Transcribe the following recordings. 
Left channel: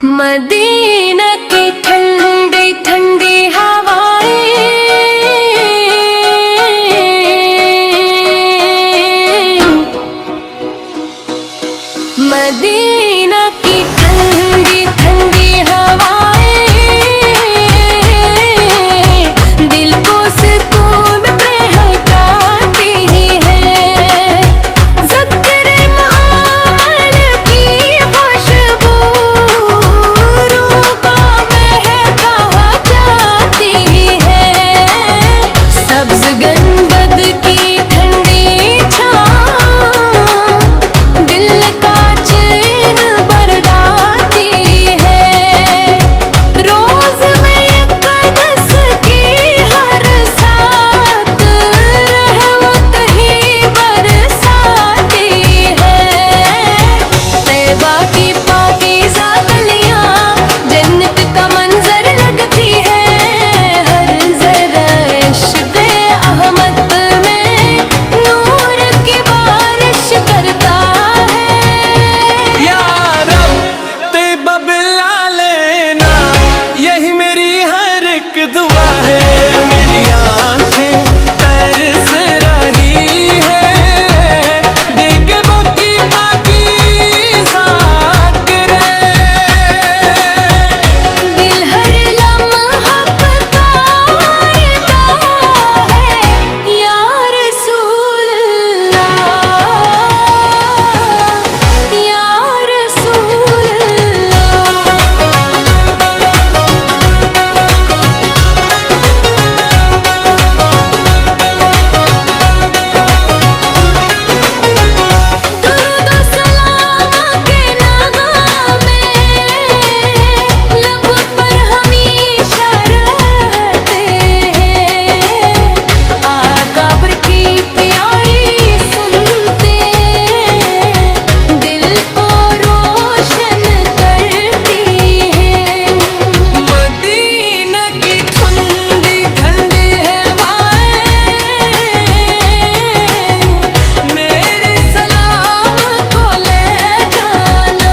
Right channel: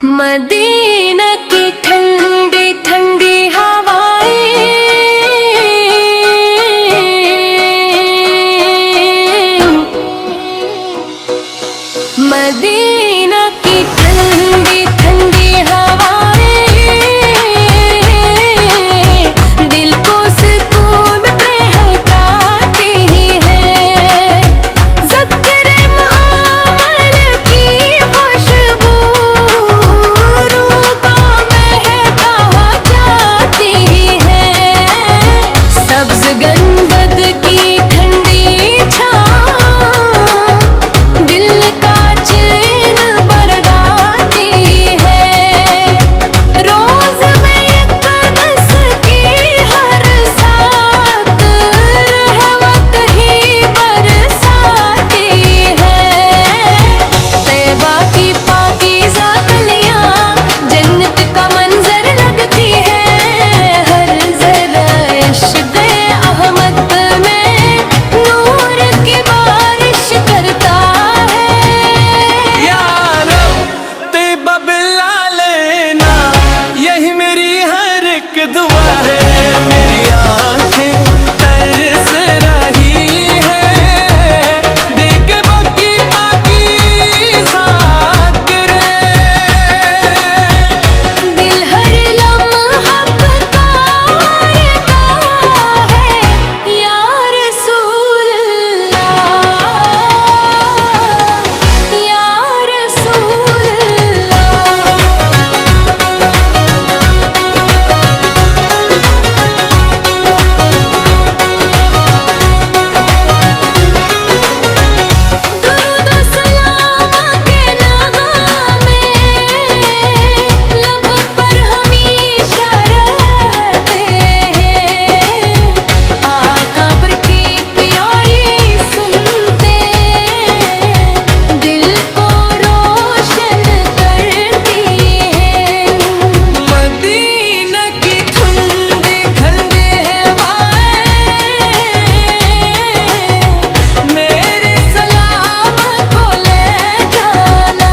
Medina की ठंडी ठंडी हवाएं, मदीना की ठंडी ठंडी हवाएं दिल को सुकून पहुंचाती है। ज़िक्र आमल की खुशबू रूह को महका जाती है। सब्ज़ गंबद की ठंडी छाँव दिल का चैन बरदाती है। रोज में यकदस की हर साथ रहमत ही बरसाती है। तैबा की पाकीज़ा गलियां जन्नत का मंजर लगती है। हर ज़रा इश्क़े अहमद में नूर की बारिश करता है। या रब तैबा बिला लेना, यही मेरी हर एक दुआ है। मेरी आंखें तरस रही है, देख बाकी पाकीज़ा गिरे। दिल हर लम्हा पुकारता है, या रसूल अल्लाह, या रसूल अल्लाह। दुरूद और सलाम के नग़मे लब पर हमेशा रहते हैं। आका बर की प्यारी सुनते दिल को रोशन करती हैं। मदीना की ठंडी ठंडी हवाएं मेरे सलाम को ले जाना।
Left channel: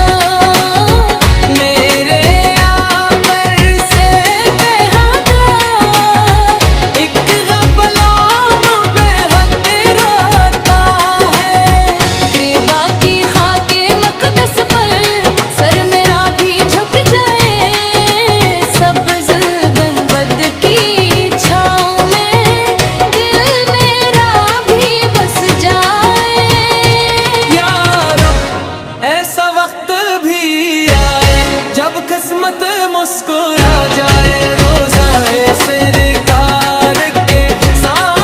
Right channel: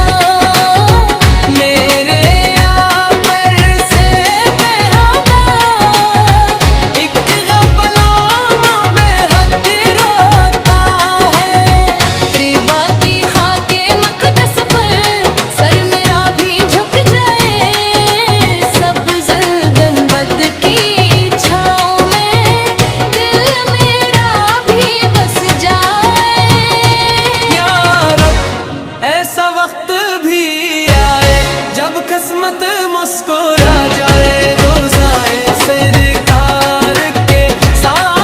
मेरे आपर से बेहदा एक ग़ुलाम बेहद रोता है। त्रिबा की खाके मक़दस पर सर मेरा भी झुक जाए। सब्ज़ गंबद की छाँव में दिल मेरा भी बस जाए। या रब ऐसा वक्त भी आए जब किस्मत मुस्कुरा जाए। रोज़ाए सरकार के साथ